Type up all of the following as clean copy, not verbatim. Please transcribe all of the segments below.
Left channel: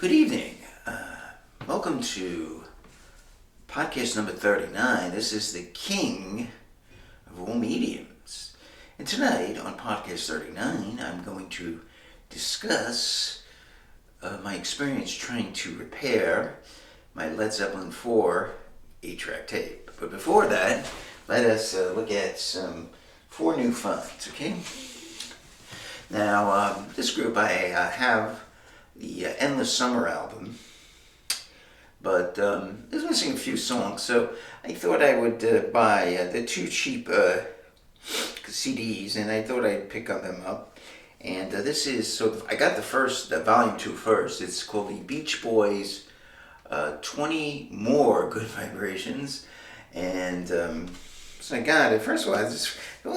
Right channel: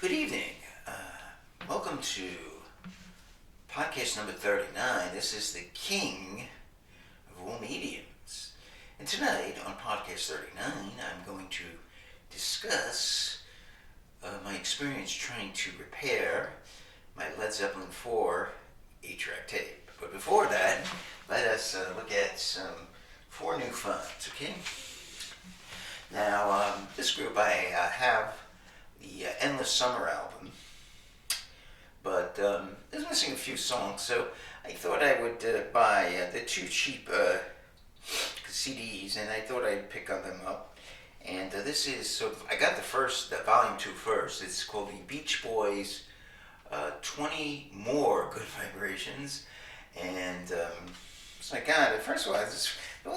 Good evening. Welcome to podcast number 39. This is the king of all mediums. And tonight on podcast 39, I'm going to discuss my experience trying to repair my Led Zeppelin 4 8-track tape. But before that, let us look at some 4 new finds, okay? Now, this group I have the Endless Summer album, but it's missing a few songs, so I thought I would buy the 2 cheap CDs, and I thought I'd pick them up. And this is sort of, I got the volume 2 first. It's called the Beach Boys 20 More Good Vibrations, and so I got it. First of all, it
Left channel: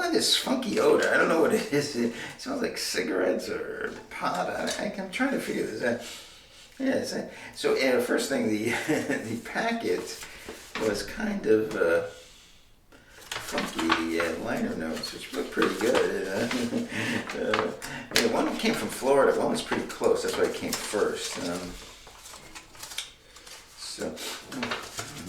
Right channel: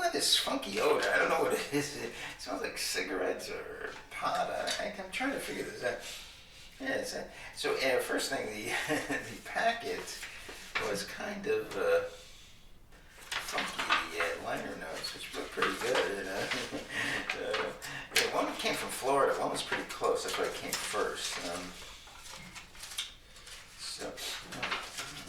had this funky odor. I don't know what it is. It smells like cigarettes or pot. I'm trying to figure this out. Yeah, so first thing, the the packet was kind of funky. The liner notes, which looked pretty good. One came from Florida. One was pretty close. That's why it came first. So, I don't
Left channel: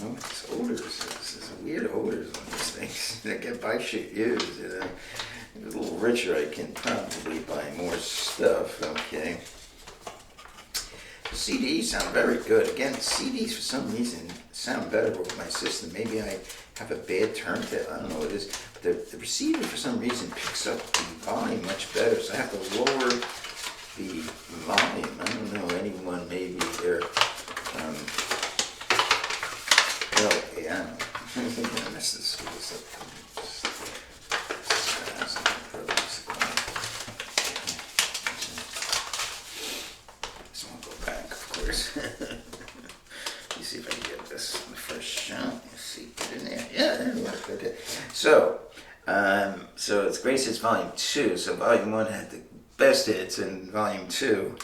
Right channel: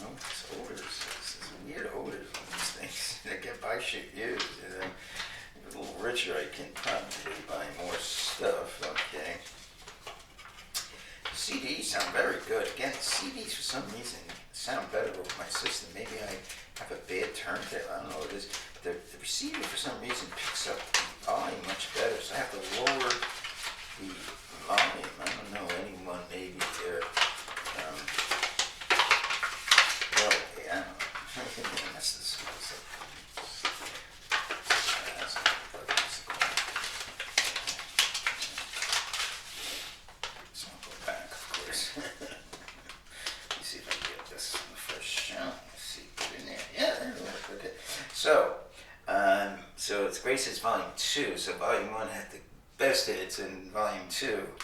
know what this odor is. This is weird odors on these things. I get buy shit used, It's a little richer, I can probably buy more stuff, okay. CDs sound very good. Again, CDs for some reason sound better with my system. Maybe I have a bad turntable, I don't know what it is. But the receiver for some reason picks up the volume much better, so I have to lower the volume. I don't know, anyone maybe there. Okay, I don't know. I'm going to mess this up. This won't go back, of course. Let me see if I can get this on the first shot. Let's see, put it in there. Yeah, there we go. Okay. So it's Grace's Volume 2. So Volume 1 had the best hits, and Volume 2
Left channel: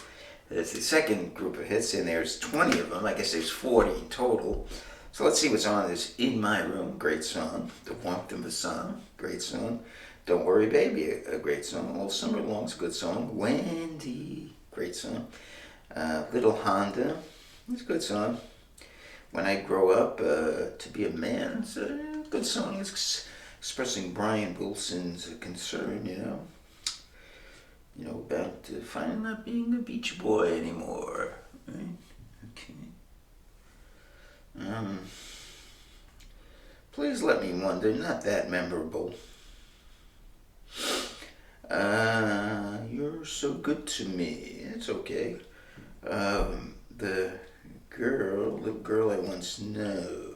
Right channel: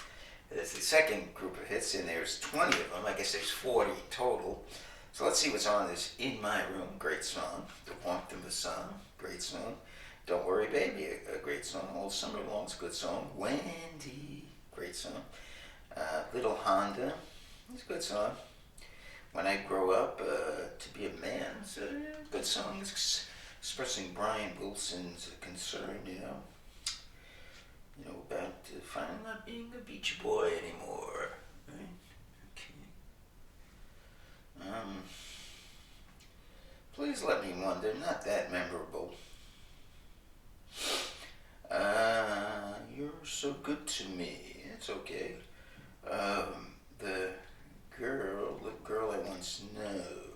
is the second group of hits, and there's 20 of them. I guess there's 40 in total. So let's see what's on this. In My Room, great song. The Warmth of the Sun, great song. Don't Worry Baby, a great song. All Summer Long's a good song. Wendy, great song. Little Honda, it's a good song. When I Grow Up to Be a Man, it's a good song. It's expressing Brian Wilson's concern, about finally not being a beach boy anymore, right? Okay. Please Let Me Wonder, not that memorable. You're So Good to Me, it's okay. The girl I once knew,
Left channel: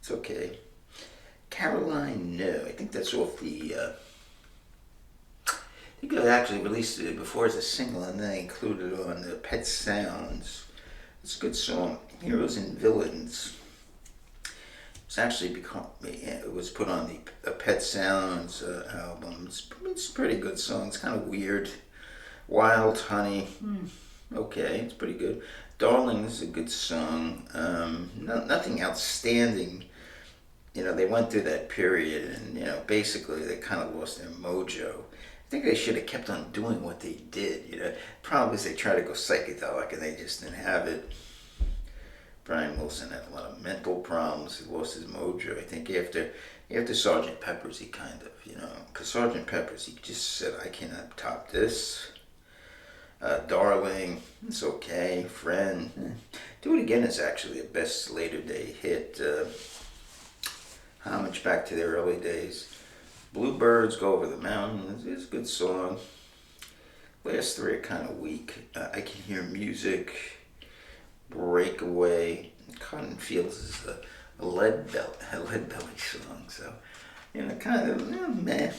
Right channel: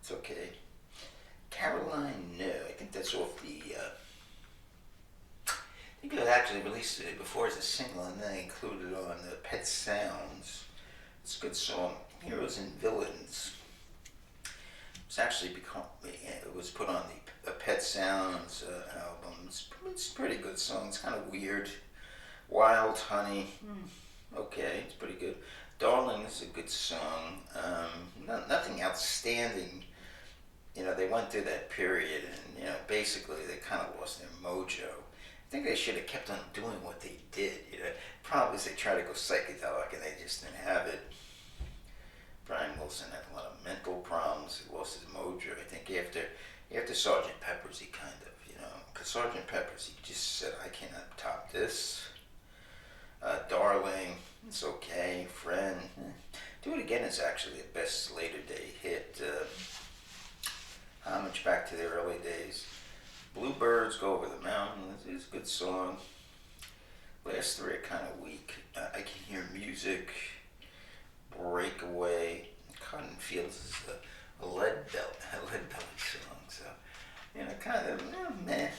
it's okay. Caroline, no, I think that's off the, I think it was actually released before as a single, and then included on the Pet Sounds. It's a good song. Heroes and Villains. It was put on the Pet Sounds album. It's a pretty good song. It's kind of weird. Wild Honey, okay, it's pretty good. Darling is a good song. Nothing outstanding. They went through that period, and basically they kind of lost their mojo. I think they should have kept on doing what they did. Problem is they tried to go psychedelic and they just didn't have it. Brian Wilson had a lot of mental problems. He lost his mojo. I think after Sergeant Pepper's, he kind of, because Sergeant Pepper's, he just said, I cannot top this. Darling, it's okay. Friend, Do It Again is actually the best later day hit. Homage back to the early days. Bluebirds Go Over the Mountains, it's a good song. Last 3 are kind of weak. I Can Hear Music. Breakaway. Cotton Fields is a lead belly song, so kind of meh.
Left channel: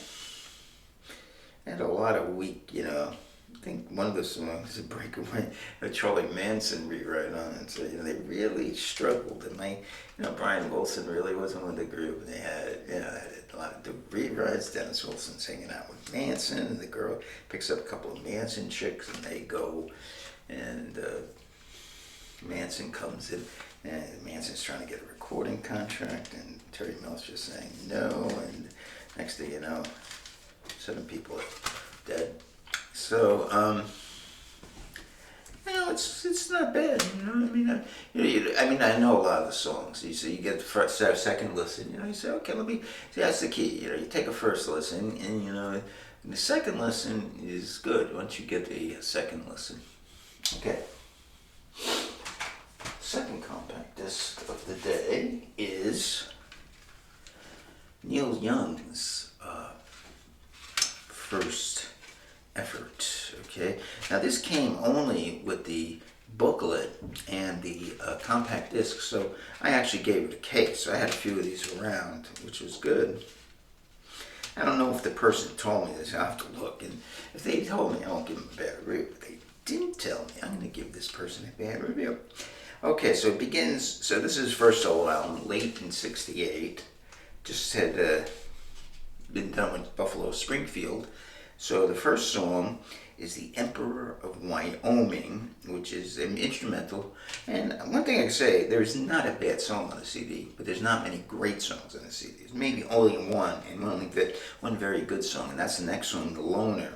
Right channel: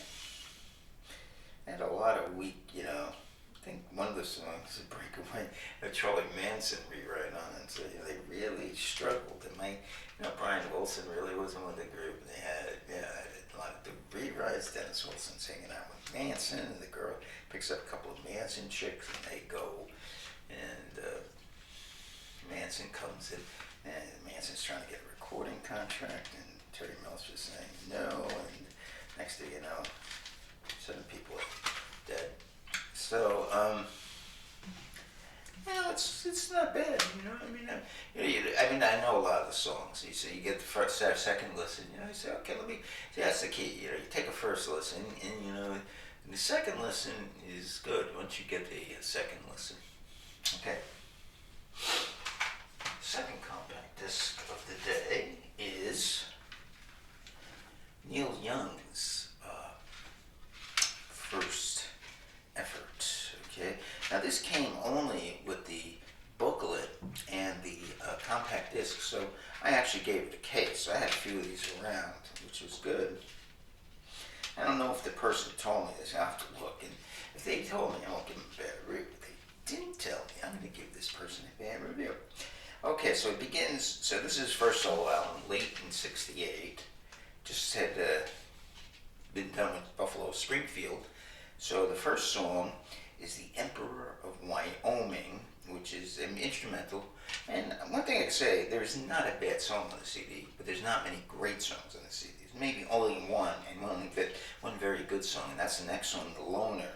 Had a lot of weak, I think one of the songs, Breakaway, a Charlie Manson rewrite on it. So they really struggled. And Brian Wilson really wasn't with the group. They had a lot of rewrites. Dennis Wilson's hanging out with Manson, and the girl picks up a couple of Manson chicks, and they go, and Manson comes in, and Manson's trying to get a recording contract, and Terry Mills just saying no, and next thing you know, 7 people are dead. So, it's it's not bad. You know, I mean, I mean, I know a lot of the songs. You get the first, second listen. You know, you say, okay, let me. See, that's the key. You know, you take a first listen, and you know, and the second listen is good once you get the second listen. Okay. Second compact disc of the day is Neil Young's first effort. Okay, now this came only with the booklet and the compact disc, so I actually gave it a case. So I had a few of these around, which was good. I don't know if the person told me this. I have to look, and if they told me, I won't give them a bad review. If they didn't tell me, I'm going to give this person a bad review. Okay, so it begins. So this is his first solo album, late in '68. Just had been done with Buffalo Springfield. So the first song is The Emperor of Wyoming, which is an instrumental. And one thing I can say, there's not a bad song on the CD, but there's not many great songs on the CD. There's maybe only one, and one very good song, and that's the next song, The Loner.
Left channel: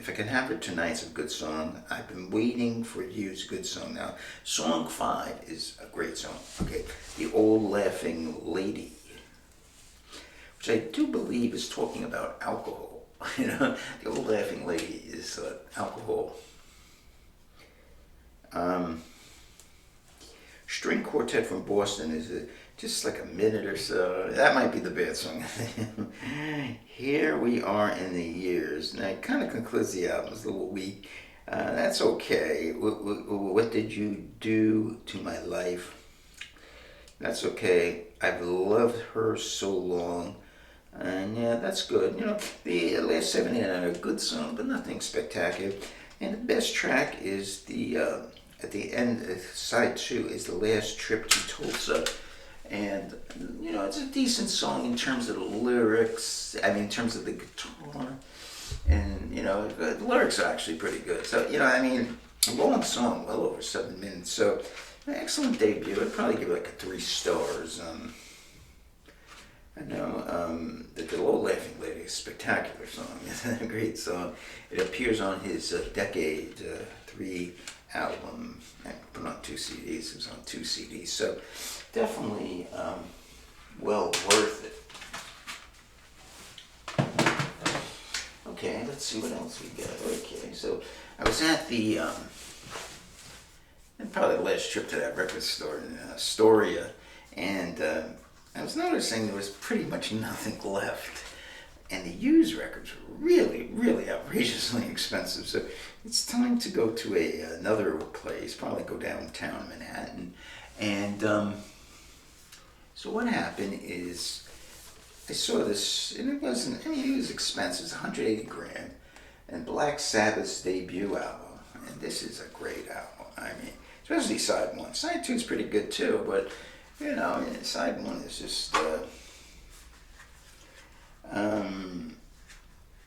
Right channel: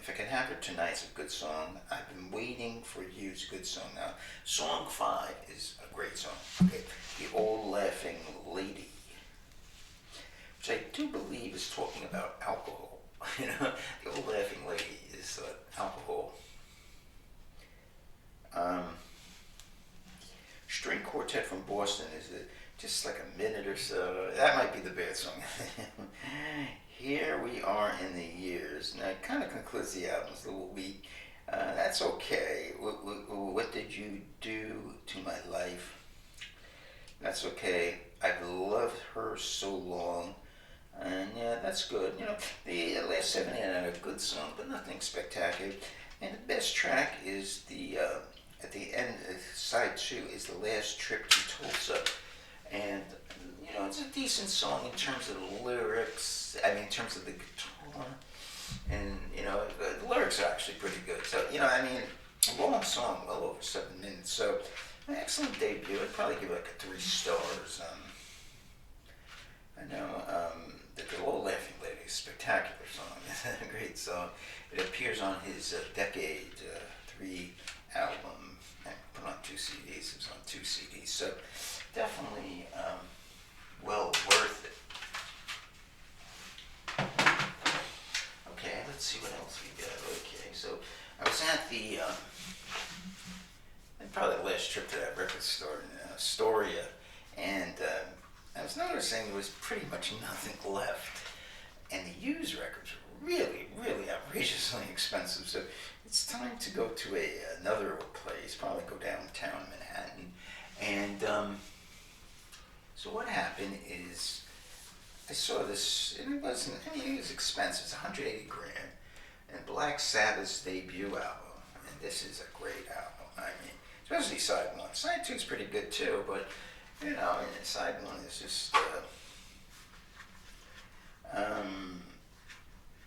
If I Can Have Her Tonight's a good song. I've Been Waiting for You's a good song. Now, song 5 is a great song. Okay, The Old Laughing Lady, which I do believe is talking about alcohol. You know, The Old Laughing Lady is alcohol. String Quartet from Boston is just like a minute or so. That might be the bad song. Here We Are in the Years. Now, it kind of concludes the album. It's a little weak. That's okay. What did you do to my life? That's okay. I've loved her so long. And yeah, that's good. You know, the last 7 are a good song, but nothing spectacular. And the best track is the at the end, side 2 is The Last Trip to Tulsa. And you know, it's a decent song in terms of the lyrics. I mean, in terms of the guitar, and you know, the lyrics are actually pretty good. So you know, I mean, a long song, well over 7 minutes. So, an excellent debut. I'd probably give it like a 3 stars. I know the Old Laughing Lady is a spectacular song. It's a great song. It appears on his Decade 3 album. I put on 2 CDs. It was on 2 CDs. So definitely well worth it. Okay, let's see what else we got. Okay, so I was at the probably the last trip to that record store in Astoria, and I was noticing there was pretty much nothing left. And the used records were really, really outrageously expensive. So it's time to go to another place, probably go downtown Manhattan. And so what happened is I saw this, and it wasn't, I mean, it was expensive. It's 180 grand. And Black Sabbath's debut album. And this is a great album. I mean, especially side 1. Side 2 is pretty good too, but you know, I mean, side 1 is just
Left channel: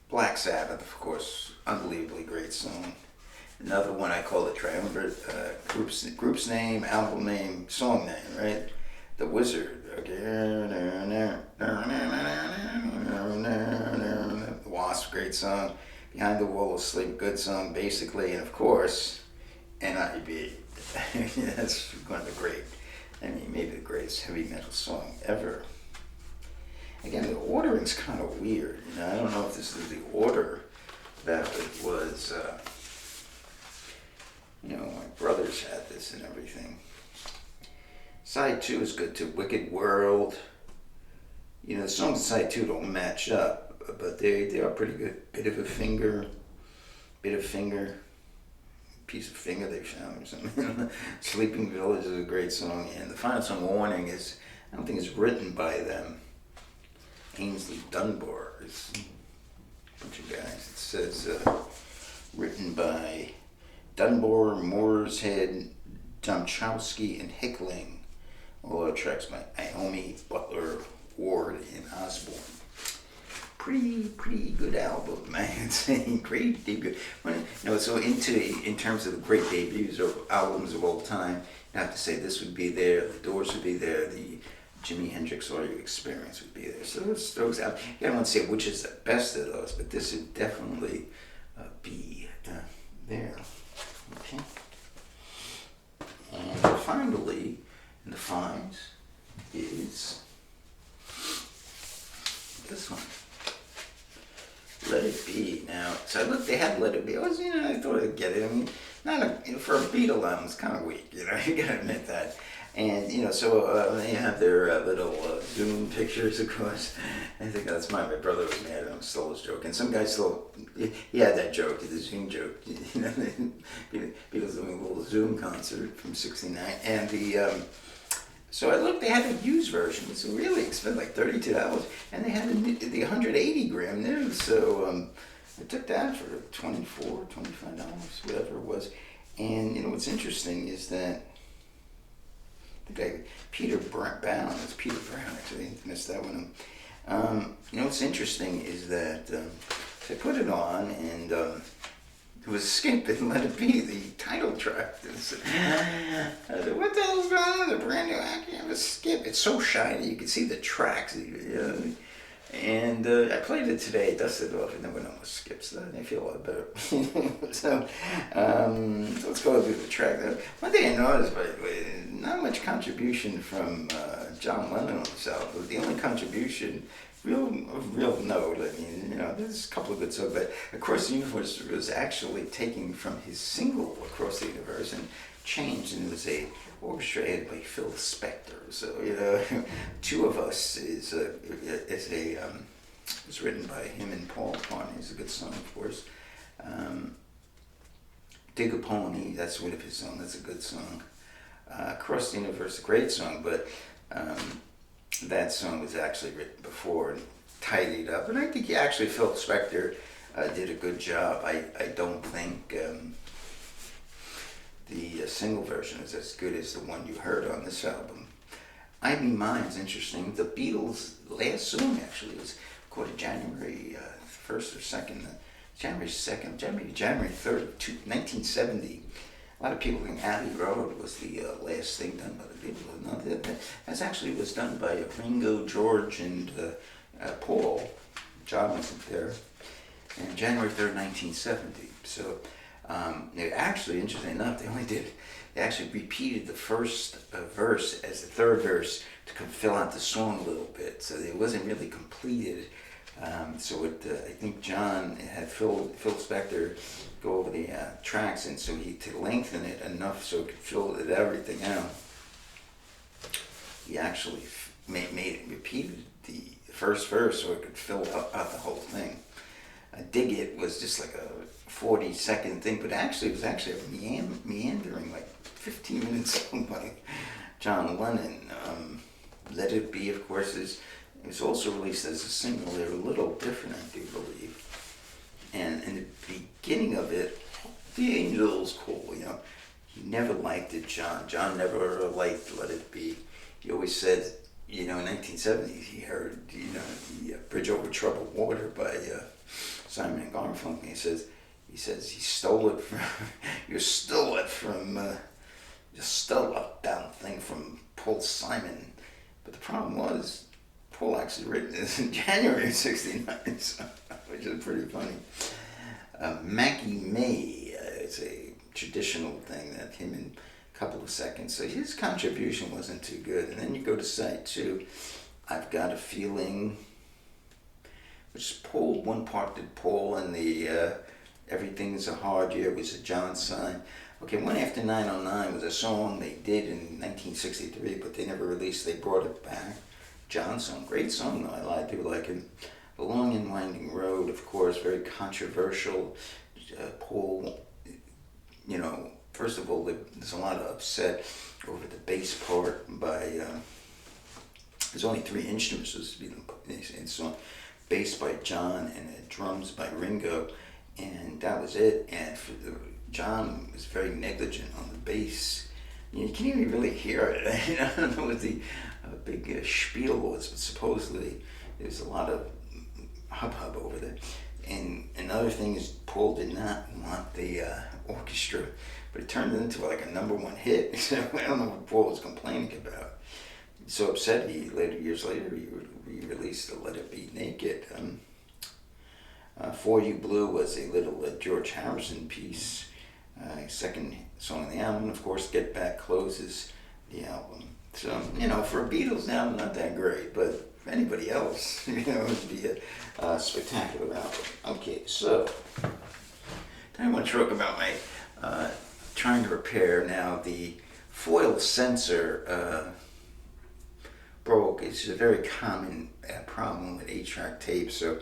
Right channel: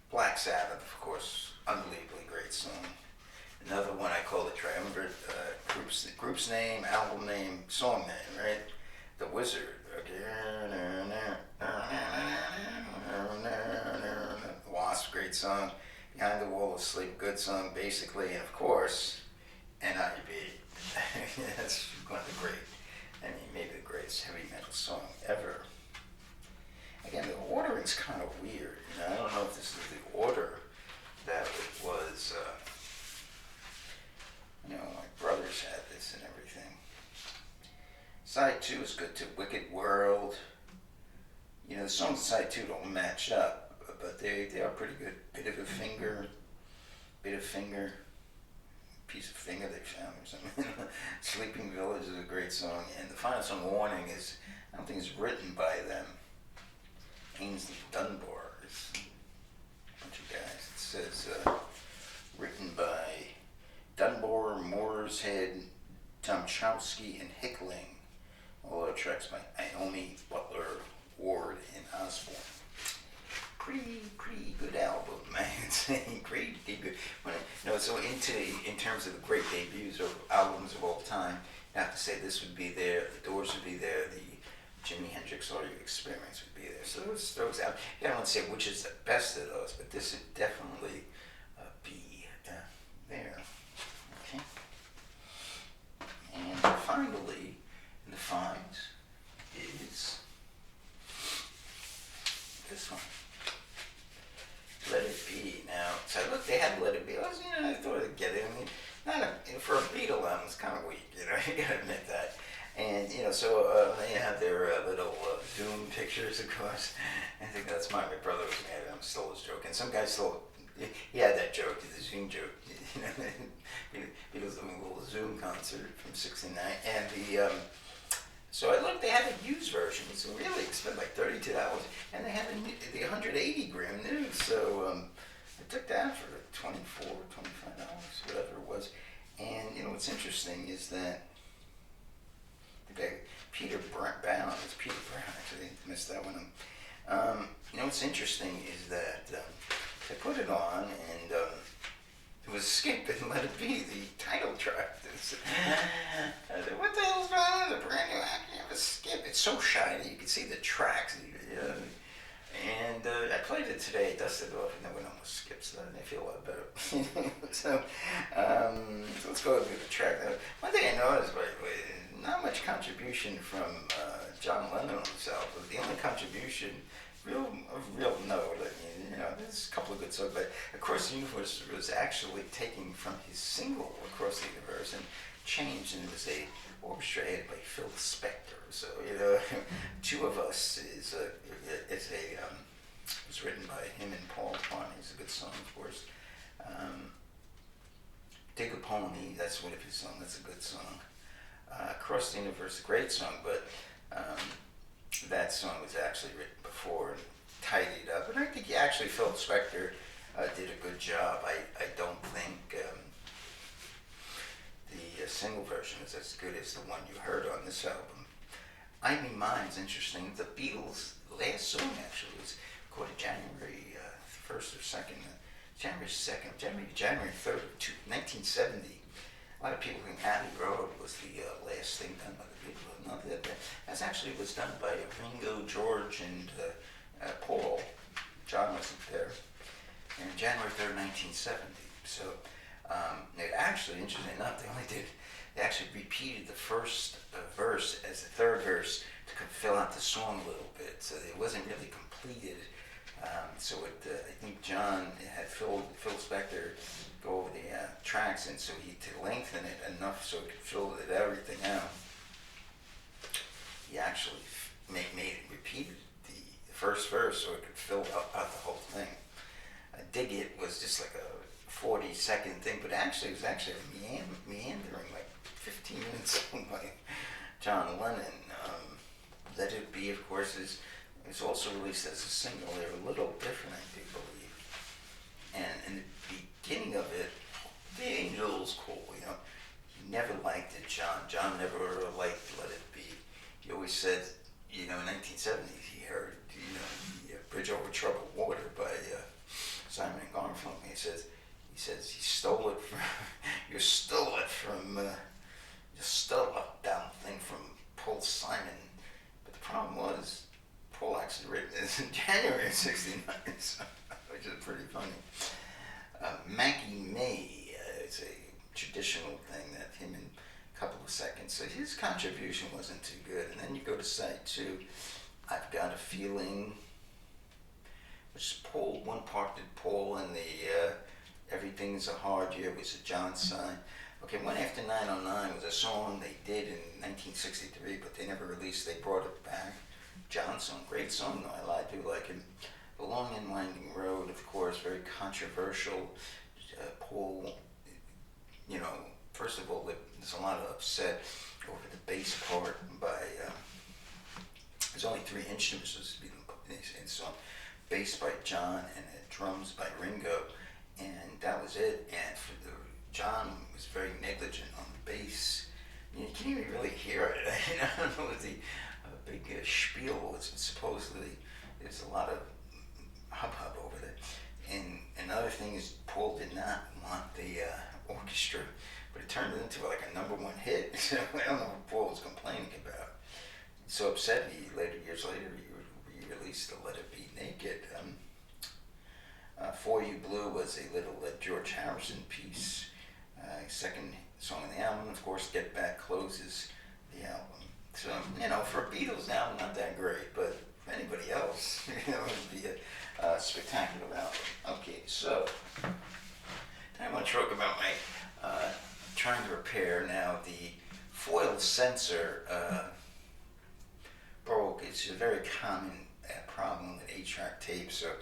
Black Sabbath, of course, unbelievably great song. Another one I call the triumvirate, group's name, album name, song name, right? The Wizard. Wasp, great song. Behind the Wall of Sleep, good song, basically, and of course, NIB. That's one of the great, I mean, maybe the greatest heavy metal song ever. Again, the ordering's kind of weird. You know, I don't know if this is the order that it was. You know, my brothers had this and everything. Side 2 is good too. Wicked World. You know, the songs on side 2 don't match up, but they are pretty good. Bit of finger, piece of finger they found or something. Sleeping Village is a great song, and the final song, Warning, is, I don't think it's written by them. Ainsley Dunbar is a bunch of guys. It says written by Dunbar, Mooreshead, Domchowski, and Hickling. All other tracks by Naomi, Butler, Ward, and Osborne. Pretty good album, man. Great debut. So in terms of the great debuts or albums of all time, you have to say this would be there, the Doors would be there, the Jimi Hendrix Audio Experience would be there. So those out. I don't want to say which is the best of those, but this would definitely be there. It Be. I thought I'd get it. I mean, not for a Beatle album, it's kind of weak. You gotta admit that. And so they have their little Zoom pictures, of course. I think that's my brother was mad at him, stole his joke, and some guy stole. He had that joke, the Zoom joke. Beatles doing a little Zoom concert from '69, and so I looked. They had a used version, so really expensive, like $32, and they had the 180 gram new. So I took that for $24, $25, whatever it was. And what's interesting is that the guy Peter Brown, it's Peter Brown actually, I missed that one. What's interesting is that they put it on and it was Skip and Let It Be, the title track. I said, what the hell's going on with a brand new act? You have a Skip. It's so shiny, you can see the tracks. And I played it today, dusted it off, and then went on with Skip, so I feel a lot better. So let's go through the track. One thing I noticed, by the way, not much contribution from John Lennon on this album. The only contribution, real note, I mean, there's a couple of good songs, but Across the Universe was actually taken from his single Across the Universe and changed, and it was orchestrated by Phil Spector. So Two of Us is was written by him and Paul McCartney. It's a good song, of course. Dig a Pony, that's one of his songs. That's a good song. Across the Universe, a great song, but that song was actually written before and tidied up. And I think Phil Spector did a good job. I don't think the single version is as good as the one you heard on this album. I Mean Mine's interesting. The Beatles' last song actually was recorded January 1st or 2nd. January 2nd, January 3rd of 1970. A lot of people think Abbey Road was the last thing done by the Beatles. No, that actually was done by Ringo, George, and Paul. John wasn't there. And January 3rd, 1970. So, actually, interesting enough, they actually repeated the first verse as the third verse to fill out the song a little bit. So it wasn't really completed. I think John had Phil Spector go over the tracks, and so to lengthen it enough so it could fill everything out. He actually repeated the first verse so it could fill out the whole thing. Dig It was just like a 40-second thing, but actually it was actually a meandering, like 15 minutes by John Lennon. Let It Be, of course, it's also released as a single. They're a little different, I do believe. And in the beginning of it, The Angels, cool, He never liked it, John. John never liked Let It Be. He always said, in 1970s, he heard, the Bridge Over Troubled Water by Simon and Garfunkel. He says he stole it from, you stole that thing from Paul Simon. But the problem was, Paul actually written this in January of '69, which is pretty funny. Maggie May is a traditional thing that him in a couple of seconds. So his contribution wasn't too good. And then you go to side 2, I've Got a Feeling, which Paul, one part did Paul, and the Everything is a Hard Year was a John sign. Okay, One After 909 was a song they did in 1963, but they never released. They brought it back. John song, great song though. A lot of people like it. The Long and Winding Road, of course, very controversial. Paul, first of all, there's a lot of upset over the bass part by. There's only 3 instruments supposed to be in the song. Bass by John and drums by Ringo, and that was it. And John was very negligent on the bass. You can't even really hear it. I don't know what the big spiel was, but supposedly there's a lot of hubbub over that. And another thing is Paul did not want the orchestra, but it turned into like a #1 hit. So I don't know what Paul was complaining about. So upset, years later, he released the Let It Be Naked. For You Blue was a little George Harrison piece. Second song on the album, of course, Get Back closes the album. So, for a Beatles album, not that great, but for anybody else, it would be a spectacular album. Okay, so to talk about my trying to repair now. The foil sensor broke. It's a very common problem with 8-track tape. So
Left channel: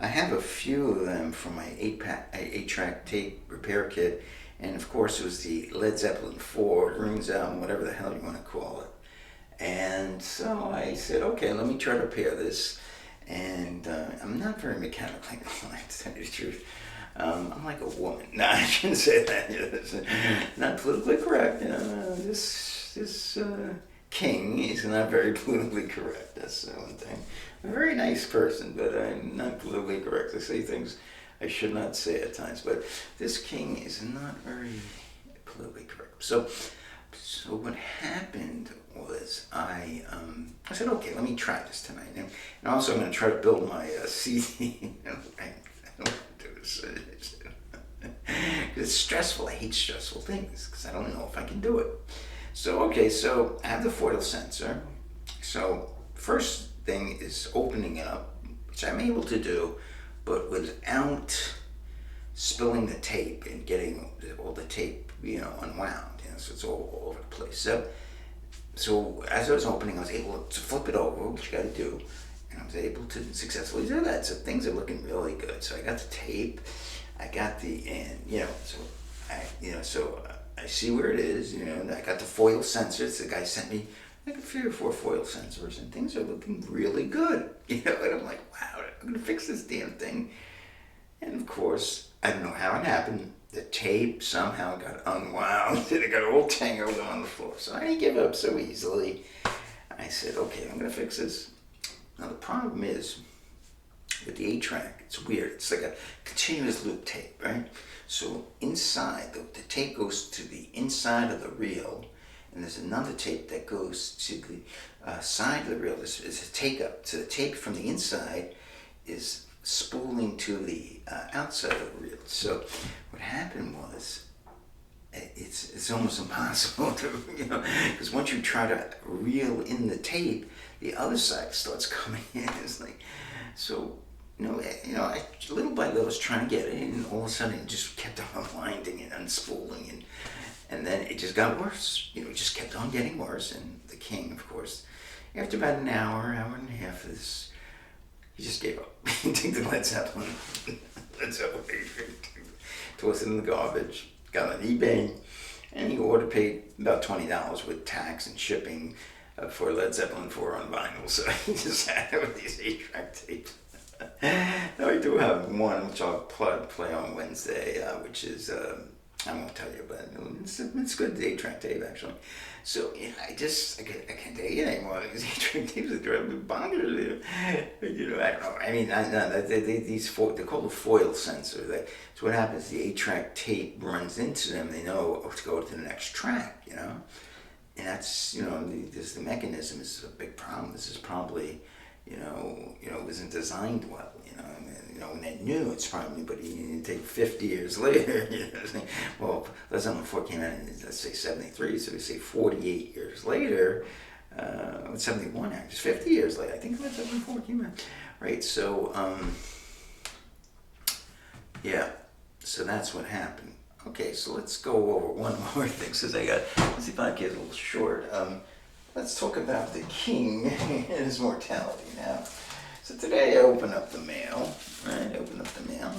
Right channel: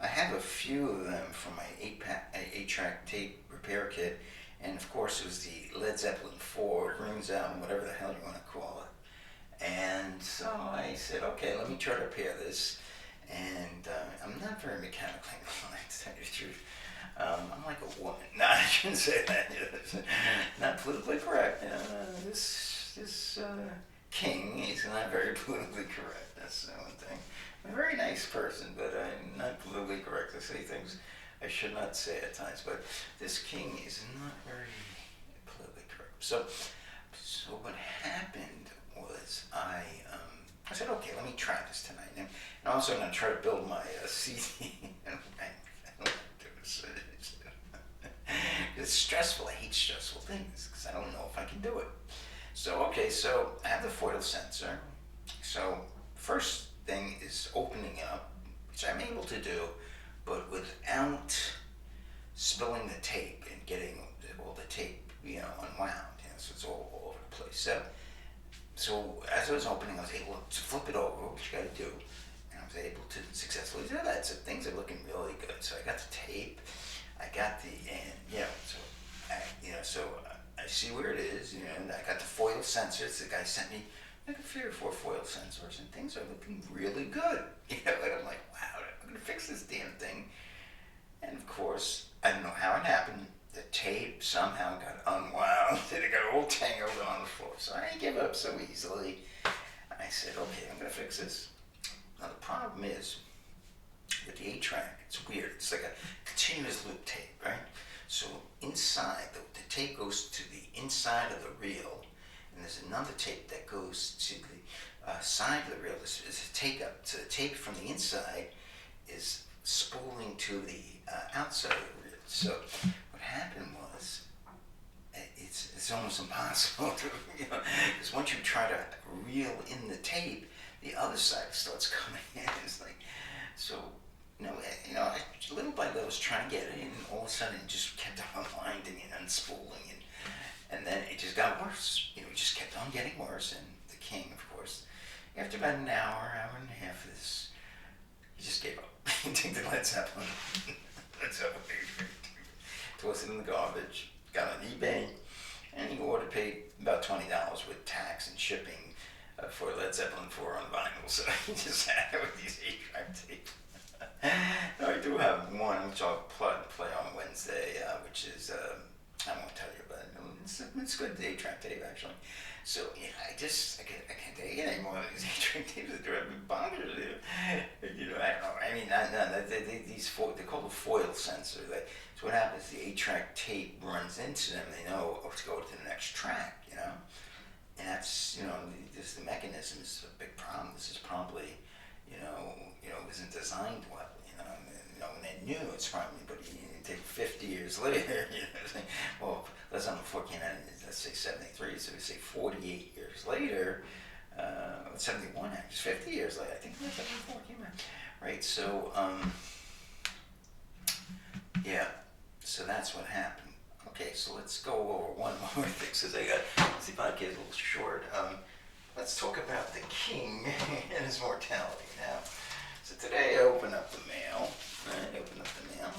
I have a few of them from my 8-track tape repair kit, and of course it was the Led Zeppelin 4 Runes album, whatever the hell you want to call it. And so I said, okay, let me try to repair this. And I'm not very mechanically inclined, to tell you the truth. I'm like a woman. No, I shouldn't say that. Not politically correct. This king is not very politically correct. That's the one thing. I'm a very nice person, but I'm not politically correct. I say things I should not say at times. But this king is not very politically correct. So what happened was I said, okay, let me try this tonight. And also I'm going to try to build my CD. I don't want to do this. It's stressful. I hate stressful things because I don't know if I can do it. So I have the foil sensor. So first thing is opening it up, which I'm able to do, but without spilling the tape and getting all the tape, unwound. So it's all over the place. So as I was opening, I was able to flip it over, which you got to do, and I was able to successfully do that. So things are looking really good. So I got the tape, I got so I see where it is. And I got the foil sensors. The guy sent me like 3 or 4 foil sensors, and things are looking really good. And I'm like, wow, I'm gonna fix this damn thing. And of course, I don't know how it happened. The tape somehow got unwound and it got all tangled on the floor. So I didn't give up so easily. I said, okay, I'm going to fix this. Now the problem is, with the 8-track, it's weird. It's like a continuous loop tape, right? So inside, the tape goes to the inside of the reel, and there's another tape that goes to the side of the reel. There's a take up. So the tape from the inside is spooling to the outside of the reel. So what happened was, it's almost impossible to, because once you try to reel in the tape, the other side starts coming in. It's like, so, I little by little was trying to get it, and all of a sudden it just kept on unwinding and unspooling, and then it just got worse. It just kept on getting worse, and the king, of course, after about an hour and a half of this, he just gave up. He took the Led Zeppelin, tossed it in the garbage, got on eBay, and he paid about $20 with tax and shipping for Led Zeppelin 4 on vinyl. So he just had it with these 8-track tapes. Now I do have one which I'll play on Wednesday, which is, I won't tell you, but it's good, the 8-track tape actually. So I can't take it anymore. These 8-track tapes are driving me bonkers. I don't know. I mean, they're called a foil sensor. So what happens? The 8-track tape runs into them. They know to go to the next track. And that's the mechanism is a big problem. This is probably wasn't designed well. When they're new, it's probably, but you take 50 years later, well, Led Zeppelin 4 came out in, let's say, 73, so we say 48 years later, 71 actually, 50 years later, I think Led Zeppelin 4 came out, right? So, so that's what happened. Okay, so let's go over one more thing, since I got, this podcast a little short. Let's talk about the king and his mortality now. So today I open up the mail, right? Open up the mail.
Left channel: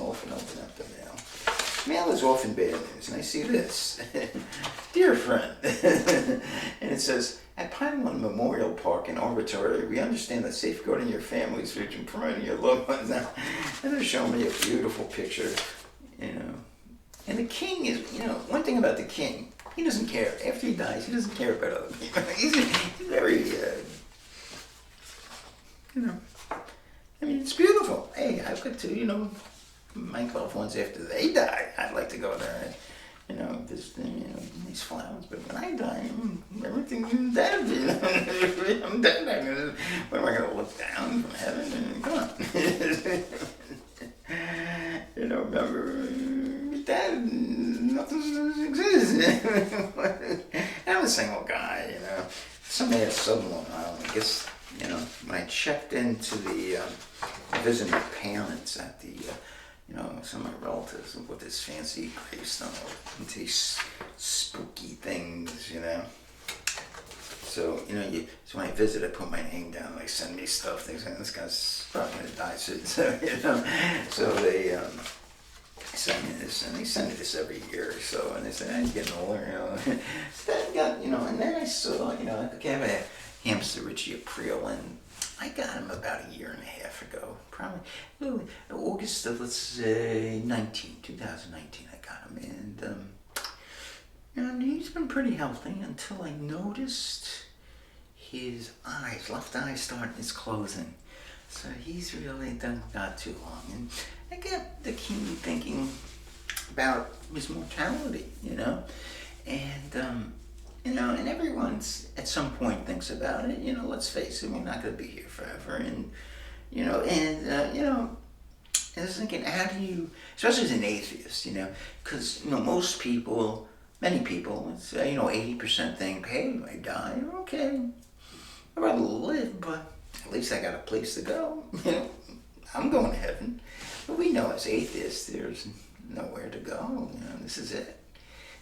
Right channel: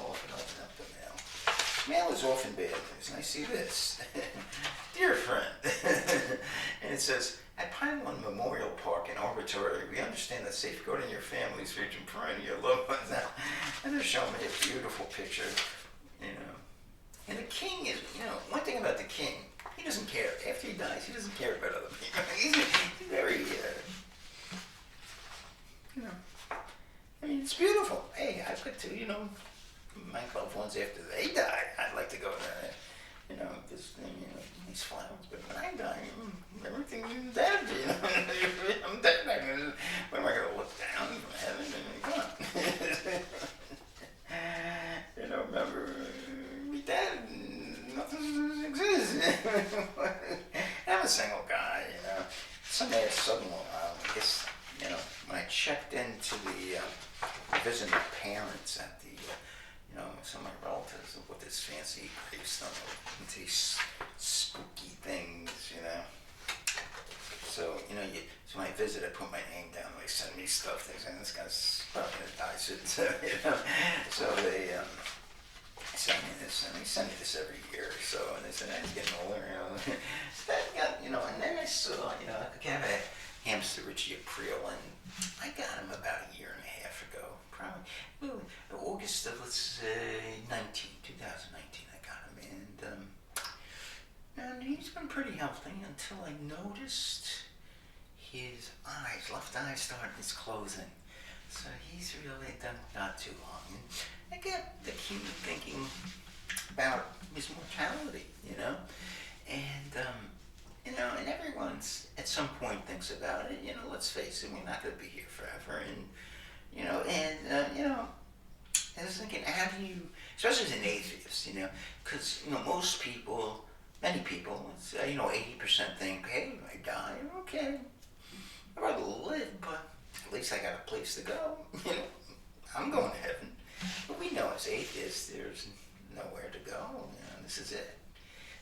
Open up the mail. Mail is often bad news, and I see this. Dear friend, and it says, at Pine One Memorial Park and Arboratory, we understand that safeguarding your family's future and promoting your loved ones now. And they're showing me a beautiful picture, And the king is, one thing about the king, he doesn't care. After he dies, he doesn't care about other people. He's very, I mean, it's beautiful. Hey, I've got to, my loved ones after they die, I'd like to go there and, visit them, these flowers. But when I die, everything's dead, I'm dead. What am I going to look down from heaven and come on? Remember, dead, nothing exists. I'm a single guy, Someday at Southern Long Island, I guess, when I checked into the, visiting my parents at the some of my relatives with this fancy gravestone into these spooky things. So, so when I visit, I put my name down, they send me stuff, they say, this guy's probably gonna die soon, so they send me this, and they send me this every year or so, and they say, he's getting older. So I got, and then I saw, I have a hamster, Richie April, and I got him about a year and a half ago, probably August of, let's say, 2019, I got him, and he's been pretty healthy until I noticed his left eye is closing. So he's really done not too long. And I got the keen thinking about his mortality, and everyone's at some point thinks about it. Let's face it, we're not going to be here forever. And, I was thinking, how do you, especially as an atheist, because, many people, let's say, 80% think, hey, I die, okay, I'd rather live, but at least I got a place to go. I'm going to heaven. But we know as atheists, there's nowhere to go. This is it.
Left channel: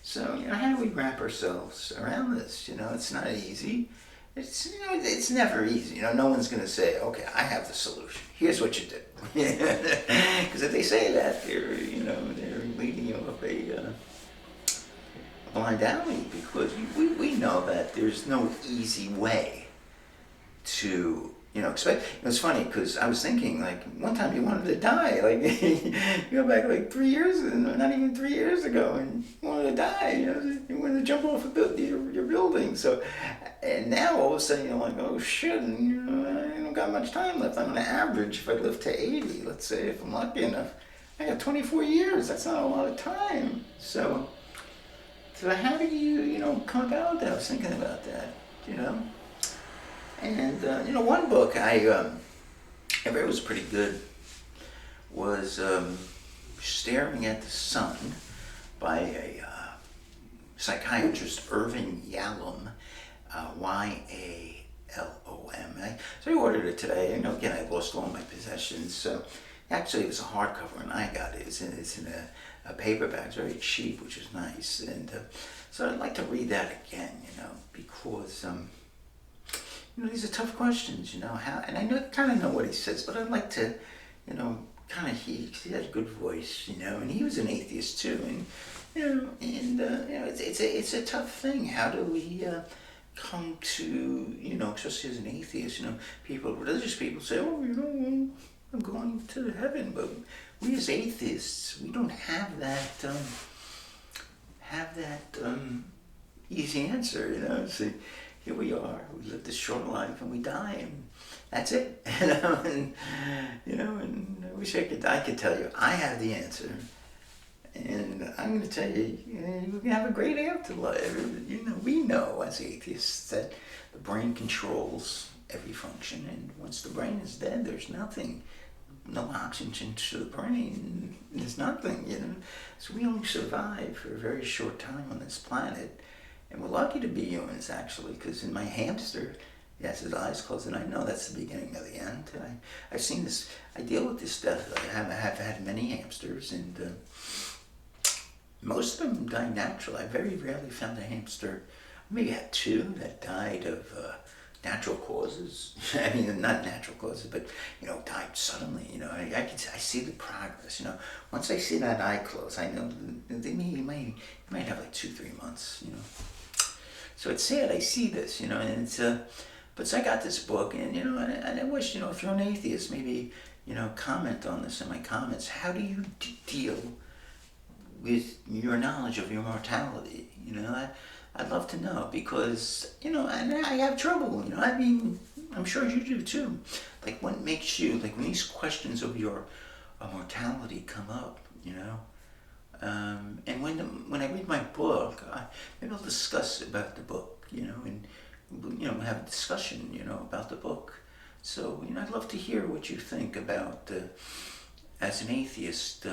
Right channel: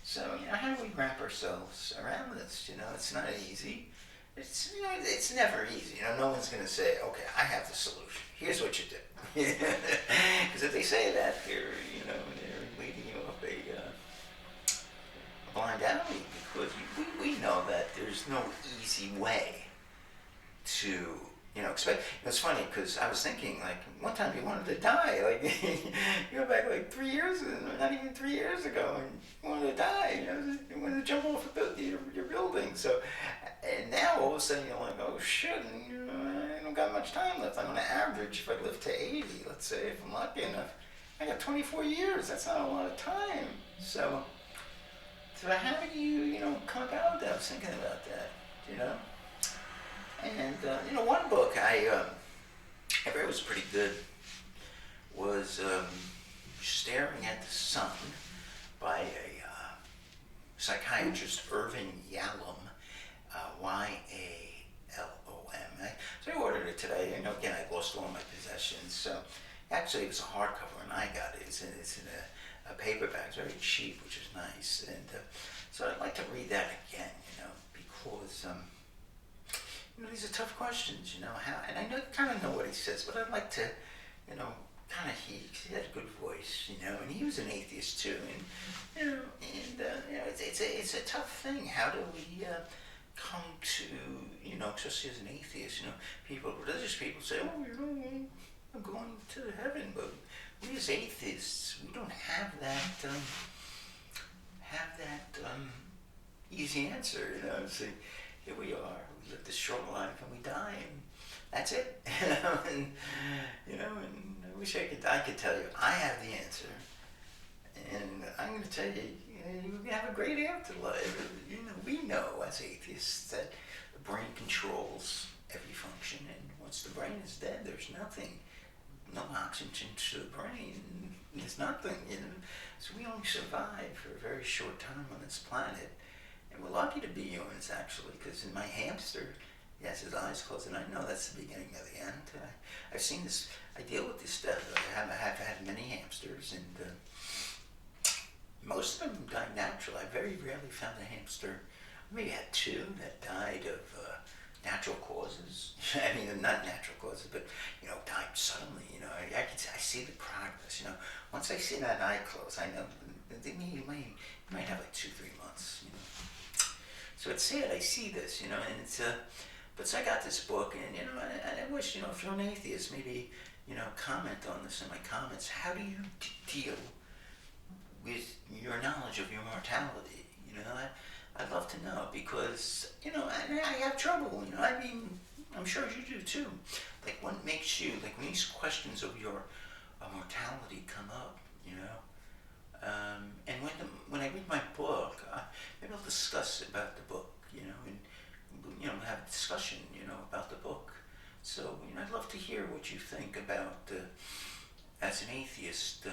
So, how do we wrap ourselves around this? It's not easy. It's never easy. No one's going to say, okay, I have the solution. Here's what you do. Because if they say that, they're leading you up a blind alley, because we know that there's no easy way to expect. It's funny because I was thinking, like, one time you wanted to die, like you go back like 3 years, not even 3 years ago, and you wanted to die. You wanted to jump off your building. So, and now all of a sudden you're like, oh shit, I don't got much time left. I'm gonna average, if I live to 80, let's say, if I'm lucky enough, I got 24 years. That's not a lot of time. So how do you, come about that? I was thinking about that, And, one book I read was pretty good, was Staring at the Sun by a psychiatrist, Irving Yalom, Yalom. So I ordered it today. Again, I lost all my possessions, so actually it was a hardcover, and I got it. It's in a paperback. It's very cheap, which is nice. And so I'd like to read that again, because these are tough questions, how, and I kind of know what he says, but I'd like to, he had a good voice, and he was an atheist too, and it's a tough thing. How do we come to, especially as an atheist, religious people say, oh, I'm going to heaven, but we as atheists, we don't have that easy answer, See, here we are, we live this short life and we die, and that's it. And I wish I could tell you I have the answer, and I'm going to tell you, you're going to have a great afterlife. We know as atheists that the brain controls every function, and once the brain is dead, there's nothing. No oxygen to the brain, there's nothing, So we only survive for a very short time on this planet. And we're lucky to be humans, actually, because in my hamster, yes, his eyes closed, and I know that's the beginning of the end. I've seen this, I deal with this death. I have had many hamsters, and most of them die naturally. I very rarely found a hamster, maybe had two that died of natural causes. I mean, not natural causes, but, died suddenly. I see the progress, Once I see that eye close, I know they might have like 2-3 months, So it's sad I see this, and it's, but so I got this book, and, and I wish, if you're an atheist, maybe, comment on this in my comments. How do you deal with your knowledge of your mortality? I'd love to know, because, and I have trouble, I mean, I'm sure you do too. Like, what makes you, like, when these questions of your mortality come up, and when I read my book, maybe I'll discuss about the book, and have a discussion, about the book. So, I'd love to hear what you think about, as an atheist,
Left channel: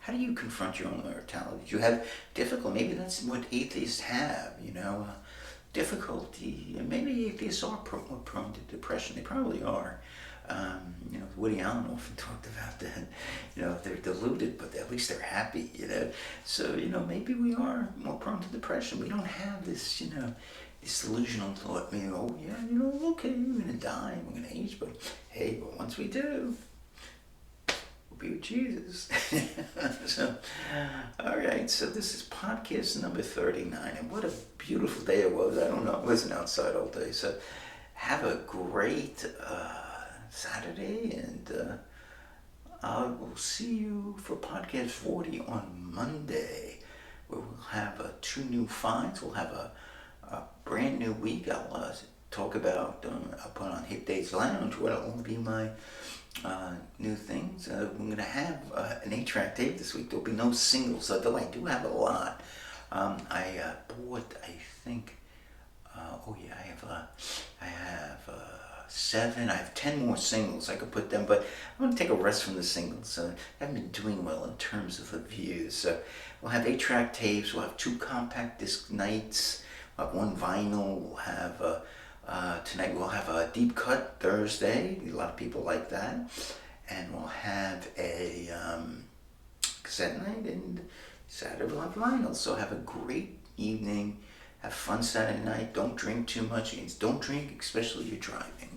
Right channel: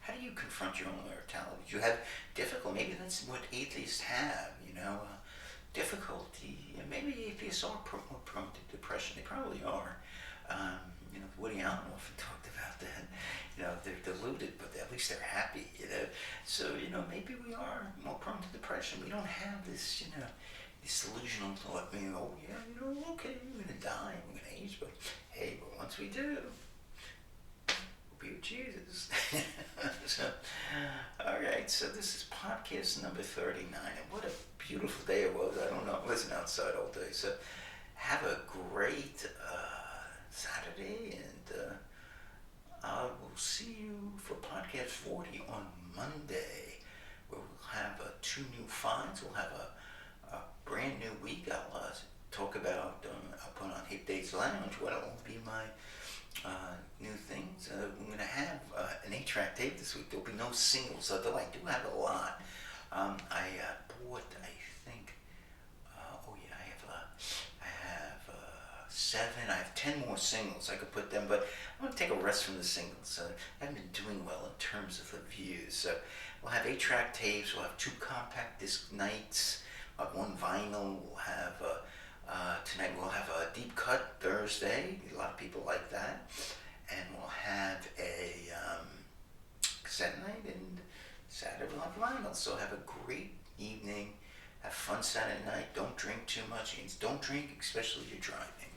how do you confront your own mortality? Do you have difficulty? Maybe that's what atheists have, difficulty, and maybe atheists are more prone to depression. They probably are. Woody Allen often talked about that. They're deluded, but at least they're happy. So maybe we are more prone to depression. We don't have this delusional thought. Oh yeah, okay, we're gonna die, we're gonna age, but hey, but once we do, we'll be with Jesus. So, all right. So this is podcast number 39, and what a beautiful day it was. I don't know. I wasn't outside all day, so have a great Saturday, and I will see you for podcast 40 on Monday, where we'll have two new finds. We'll have a brand new week. I'll talk about, I'll put on Hit Days Lounge, what will be my new things. We're going to have an 8-track tape this week. There'll be no singles, though I do have a lot. I bought, I think, I have 7. I have 10 more singles. I could put them, but I'm going to take a rest from the singles. I haven't been doing well in terms of the views. So we'll have 8-track tapes. We'll have 2 compact disc nights. We'll have 1 vinyl. We'll have tonight. We'll have a deep cut Thursday. A lot of people like that. And we'll have a cassette night, and Saturday we'll have vinyl. So have a great evening. Have fun Saturday night. Don't drink too much. Don't drink, especially if you're driving.